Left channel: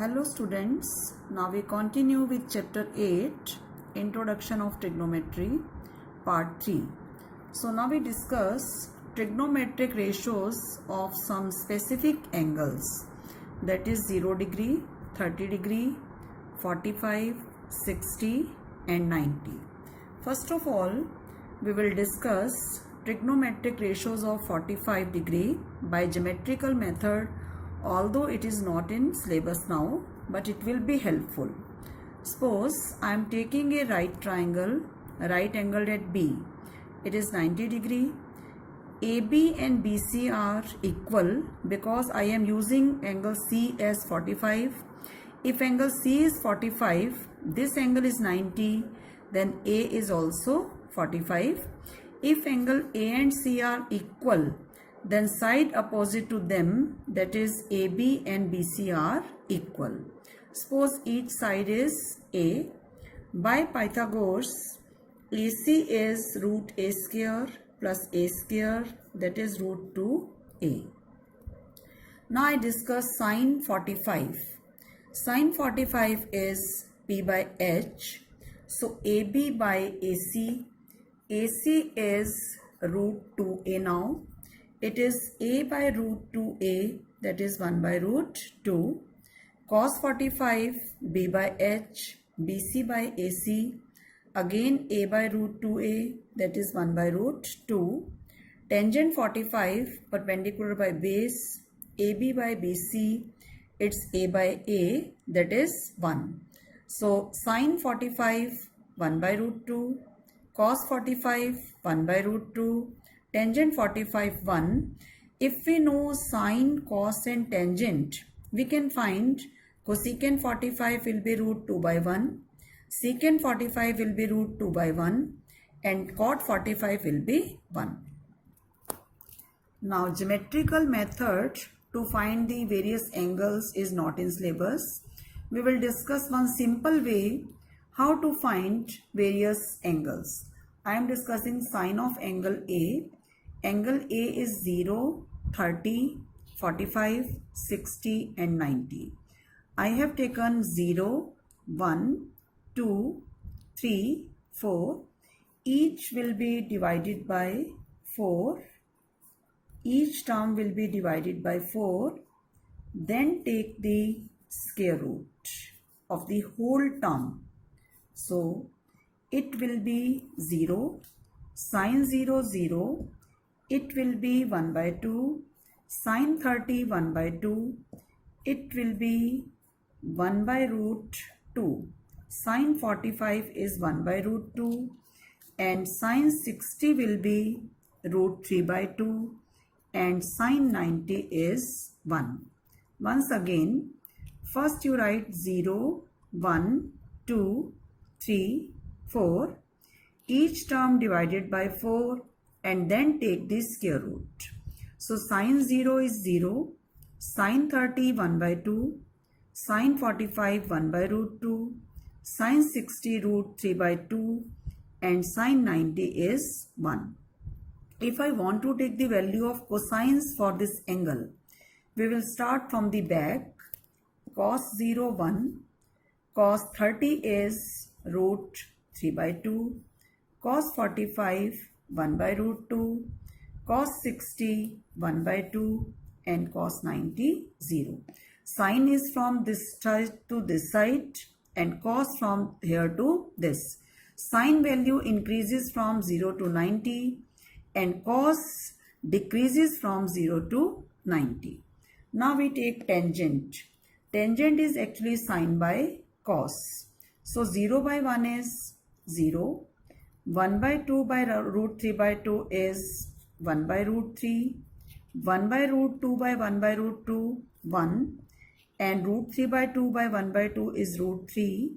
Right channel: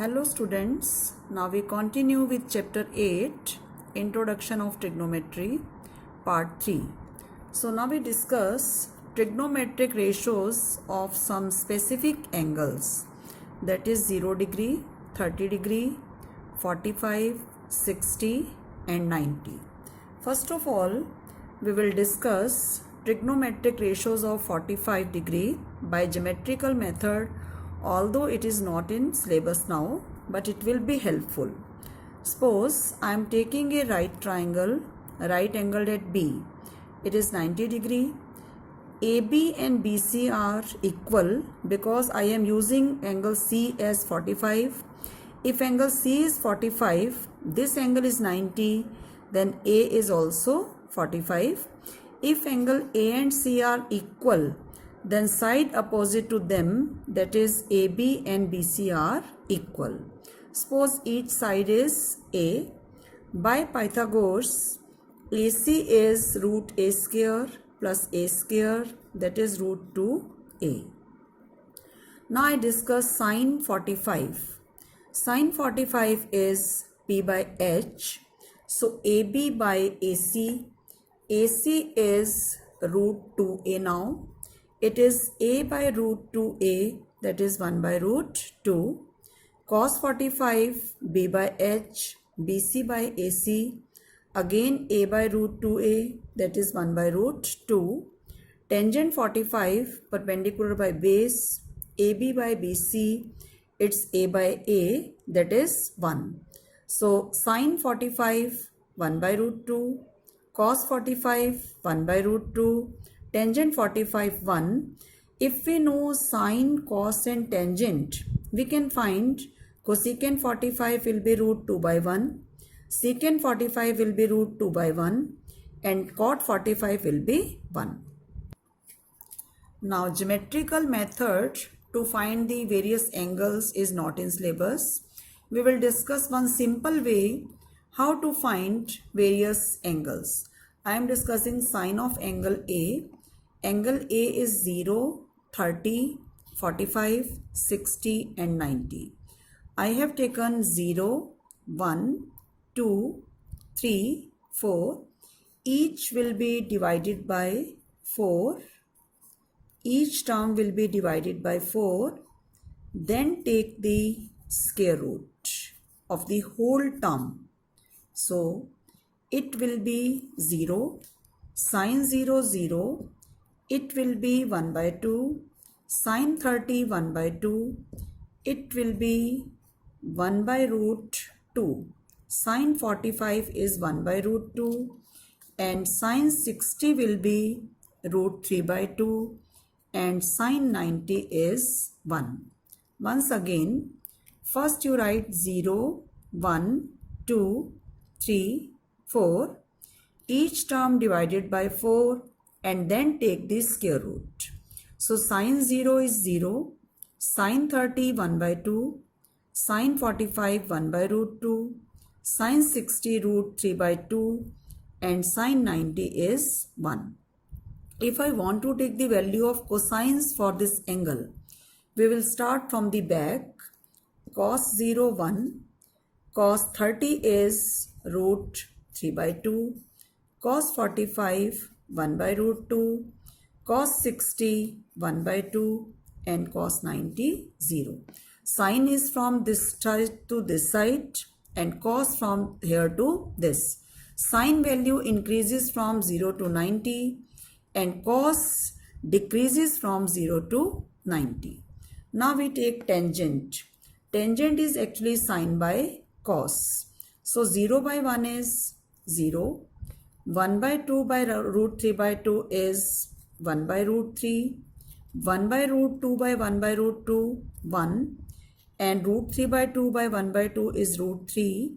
Hello students, now we continue with chapter 8, Introduction of Trigonometry, part 3. So now we discuss trigonometric ratios of some specific angles, that is 0 degree, 30 degree, 45, 60 and 90. First of all, we will discuss trigonometric ratios of 45 degree by geometrical method, although it is not in syllabus now, but it will be helpful. Suppose I am taking a right triangle, right angled at B. It is 90 degree. AB and BC are equal because I am using angle C as 45. If angle C is 45, this angle is 90, then A is also 45. If angle A and C are equal, then side opposite to them, that is AB and BC, are equal. Suppose each side is A. By Pythagoras, AC is root A square plus A square, that is root 2A. Now I discuss sine 45. Sine 45 is P by H. So AB by AC. AC is root 2A now. It is A by root 2A, that is 1 by root 2. Cos 45, B by H, BC by AC, again A by root 2A, that is 1 by root 2. Tangent 45, perpendicular by base, AB by BC, it's A by A, that is 1. So sine 45, 1 by root 2, cos 45, 1 by root 2, tangent 45, 1. If we know sine, cos and tangent, we can find cosecant 45 will be root 2 by 1, secant 45 will be root 2 by 1 and cot 45 will be 1. Now geometrical method to find the various angles is not in syllabus. We will discuss one simple way how to find various angles. I am discussing sine of angle A. Angle A is 0, 30, 45, 60 and 90. I have taken 0, 1, 2, 3, 4. Each will be divided by 4. Each term will be divided by 4. Then take the square root of the whole term. So it will be 0. Sine 0, 0. It will be 1 by 2, sine 30, 1 by 2, it will be 1 by root 2, sine 45 is 1 by root 2 and sine 60 will be root 3 by 2 and sine 90 is 1. Once again, first you write 0, 1, 2, 3, 4, each term divided by 4 and then take the square root. So sine 0 is 0, sine 30 1 by 2, sine 45 1 by root 2, sine 60 root 3 by 2 and sine 90 is 1. If I want to take the value of cosines for this angle, we will start from the back. Cos 0 1, cos 30 is root 3 by 2, cos 45 1 by root 2, cos 60 1 by 2 and cos 90 0. Sine is from this side to this side and cos from here to this. Sine value increases from 0 to 90 and cos decreases from 0 to 90. Now we take tangent. Tangent is actually sine by cos. So 0 by 1 is 0. 1 by 2 by root 3 by 2 is 1 by root 3. 1 by root 2 by 1 by root 2, 1. And root 3 by 2 by 1 by 2 is root 3.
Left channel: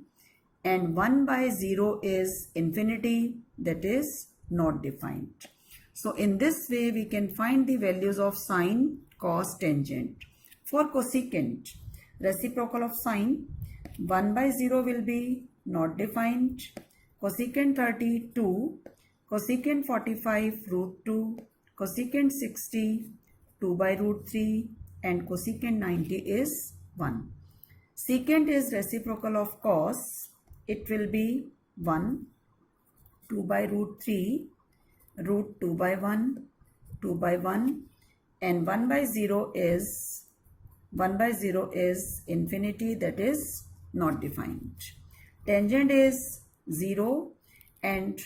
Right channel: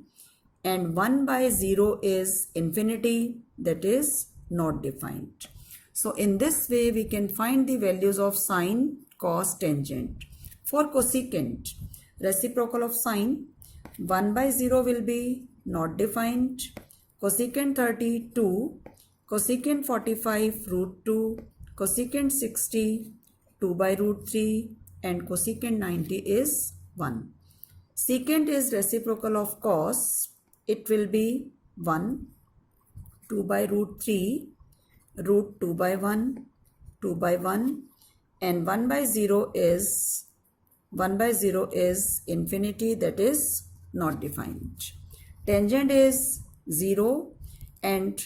And 1 by 0 is infinity, that is not defined. So in this way we can find the values of sine, cos, tangent. For cosecant, reciprocal of sine, 1 by 0 will be not defined. Cosecant 30, 2, cosecant 45, root 2, cosecant 60, 2 by root 3 and cosecant 90 is 1. Secant is reciprocal of cos. It will be 1, 2 by root 3, root 2 by 1, 2 by 1, and 1 by 0 is infinity, that is not defined. Tangent is 0 and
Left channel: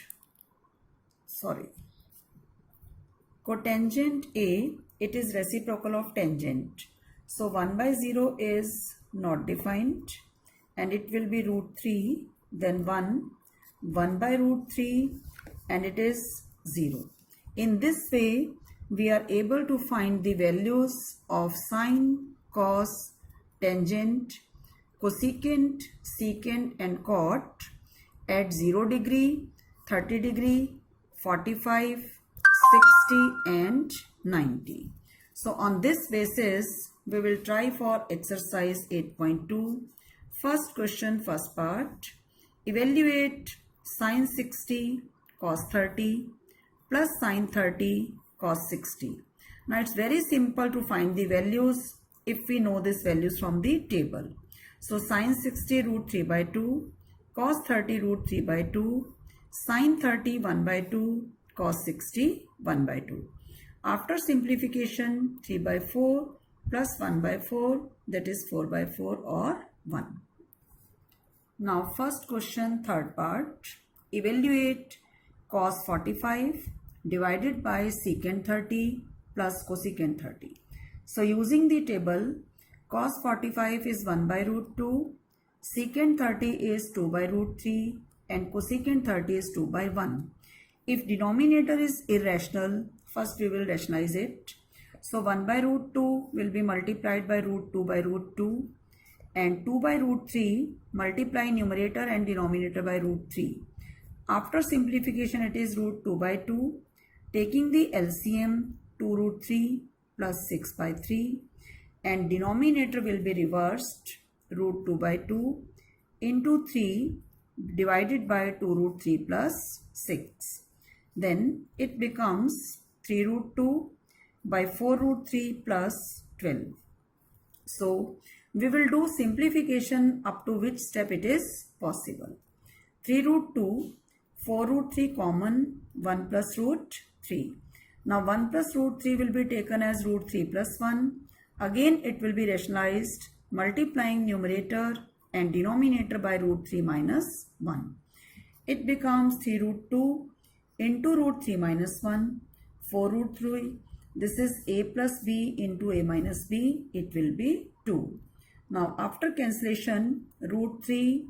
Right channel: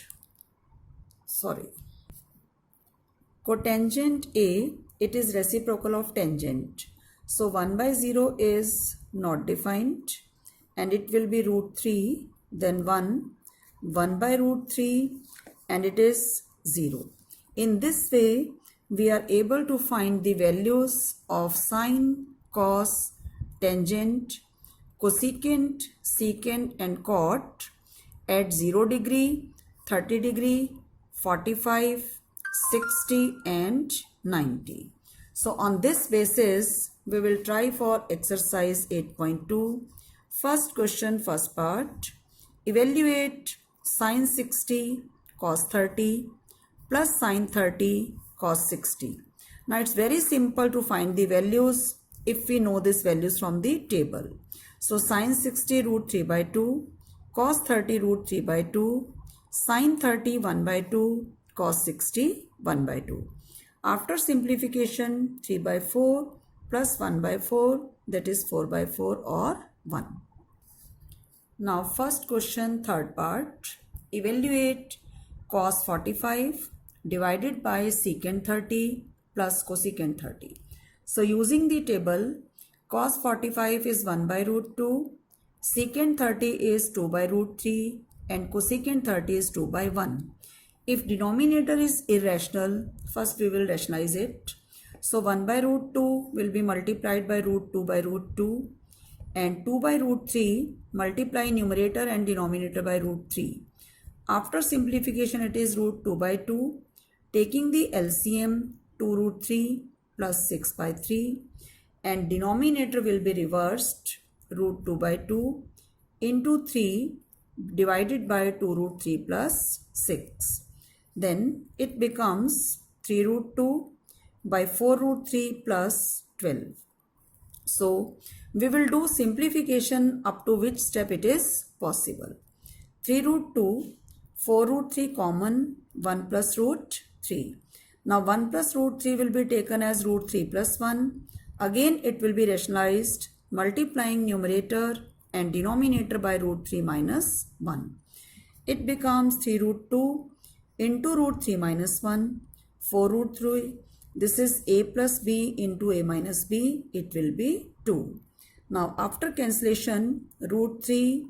cotangent A, it is reciprocal of tangent. So 1 by 0 is not defined and it will be root 3, then 1 by root 3, and it is 0. In this way, we are able to find the values of sine, cos, tangent, cosecant, secant and cot at 0 degree, 30 degree, 45, 60 and 90. So on this basis, we will try for exercise 8.2. First question, first part. Evaluate sine 60 cos 30 plus sine 30 cos 60. Now it's very simple to find the values if we know these values from the table. So sine 60 root 3 by 2, cos 30 root 3 by 2, sine 30 1 by 2, cos 60 1 by 2. After simplification, 3 by 4 plus 1 by 4, that is 4 by 4 or 1. Now first question, third part. Evaluate cos 45 divided by secant 30 plus cosecant 30. So using the table, cos 45 is 1 by root 2, secant 30 is 2 by root 3 and cosecant 30 is 2 by 1. If denominator is irrational, first we will rationalize it. So 1 by root 2 will be multiplied by root 2 by root 2 and 2 by root 3 multiply numerator and denominator by root 3. After simplification, it is root 2 by 2. Taking the LCM, 2 root 3 plus 6 by 3 and denominator will be reversed, root 2 by 2 into 3 divided by 2 root 3 plus 6. Then it becomes 3 root 2 by 4 root 3 plus 12. So we will do simplification up to which step it is possible. 3 root 2, 4 root 3 common, 1 plus root 3. Now 1 plus root 3 will be taken as root 3 plus 1. Again it will be rationalized, multiplying numerator and denominator by root 3 minus 1. It becomes 3 root 2 into root 3 minus 1, 4 root 3. This is a plus b into a minus b. It will be 2. Now after cancellation, root 3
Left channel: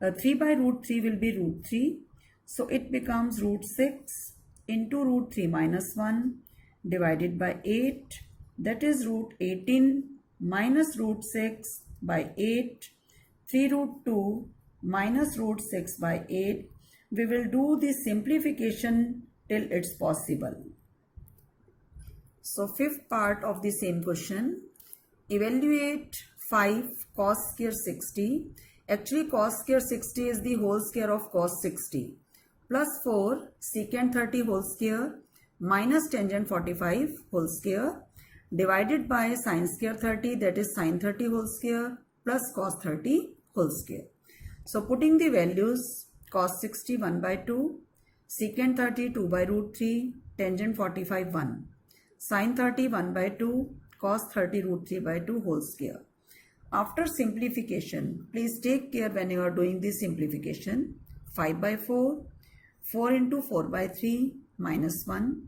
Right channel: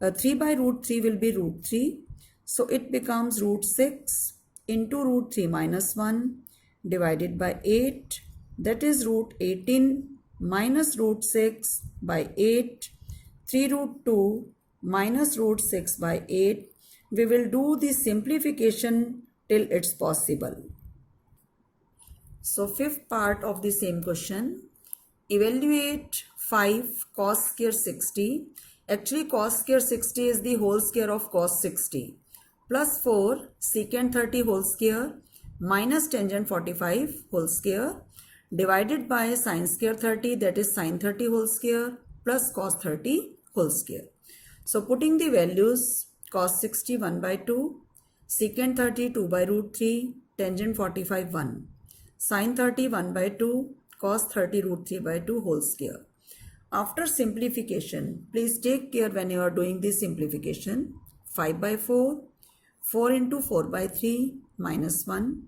by root 3 will be root 3. So it becomes root 6 into root 3 minus 1 divided by 8. That is root 18 minus root 6 by 8. 3 root 2 minus root 6 by 8. We will do the simplification till it's possible. So fifth part of the same question. Evaluate 5 cos square 60. Actually cos square 60 is the whole square of cos 60. Plus 4 secant 30 whole square minus tangent 45 whole square divided by sine square 30, that is sine 30 whole square plus cos 30 whole square. So putting the values, cos 60 1 by 2, secant 30 2 by root 3, tangent 45 1, sine 30 1 by 2, cos 30 root 3 by 2 whole square. After simplification, please take care when you are doing this simplification. 5 by 4, 4 into 4 by 3 minus 1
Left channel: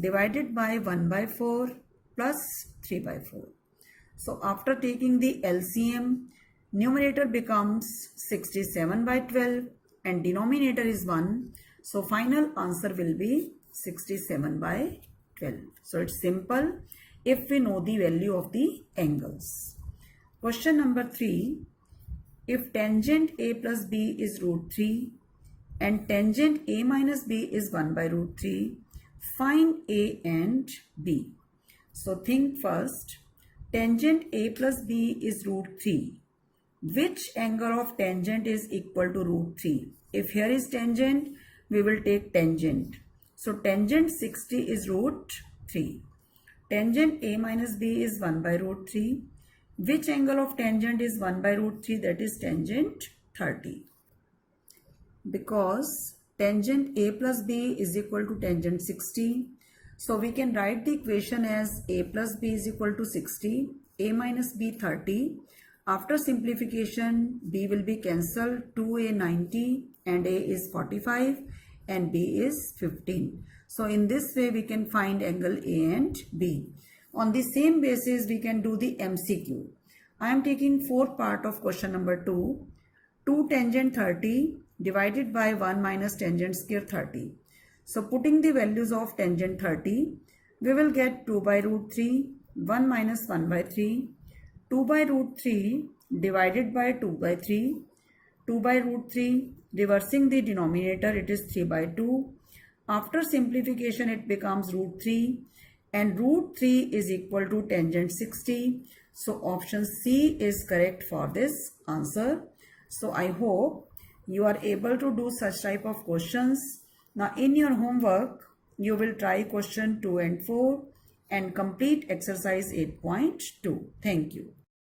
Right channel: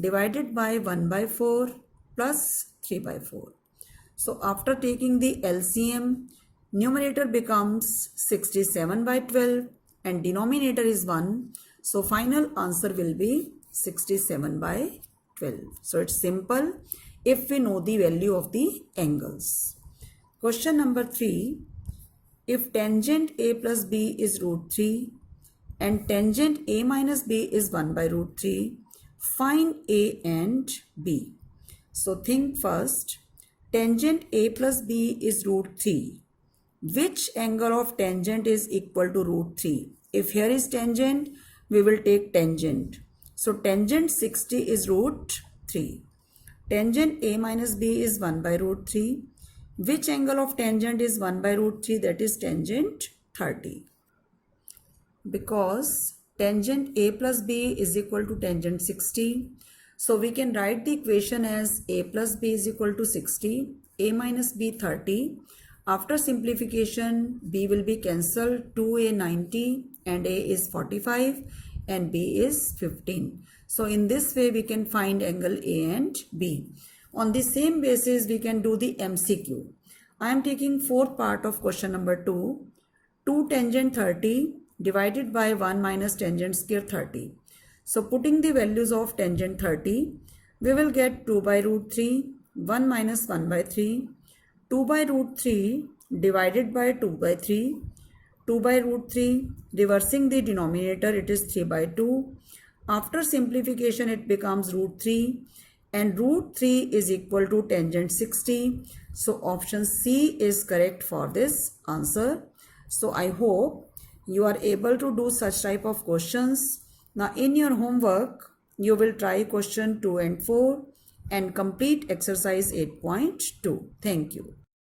divided by 1 by 4 plus 3 by 4. So after taking the LCM, numerator becomes 67 by 12 and denominator is 1. So final answer will be 67 by 12. So it's simple if we know the value of the angles. Question number 3. If tangent A plus B is root 3 and tangent A minus B is 1 by root 3, find A and B. So think first, tangent A plus B is root 3. Which angle of tangent is equal to root 3? If here is tangent, we will take tangent. So tangent 60 is root 3. Tangent A minus B is 1 by root 3. Which angle of tangent is 1 by root 3? That is tangent 30. Because tangent A plus B is equal to tangent 60. So we can write the equation as A plus B is equal to 60, A minus B 30. After simplification, B will be cancelled, 2A 90 and A is 45 and B is 15. So in this way we can find angle A and B. On the same basis we can do the MCQ. I am taking fourth part of question number 2. 2 tangent 30 divided by 1 minus tangent square 30. So putting the values of tangent 30, we will get 2 by root 3, 1 minus 1 by 3, 2 by root 3 divided by 2 by 3, 2 by root 3, reversing the denominator it is 3 by 2. After simplification it becomes root 3 and root 3 is equal to tangent 60. So option C is correct for this answer. So I hope you are able to do such type of questions. Now in your homework, you will try question 2 and 4 and complete exercise 8.2. Thank you.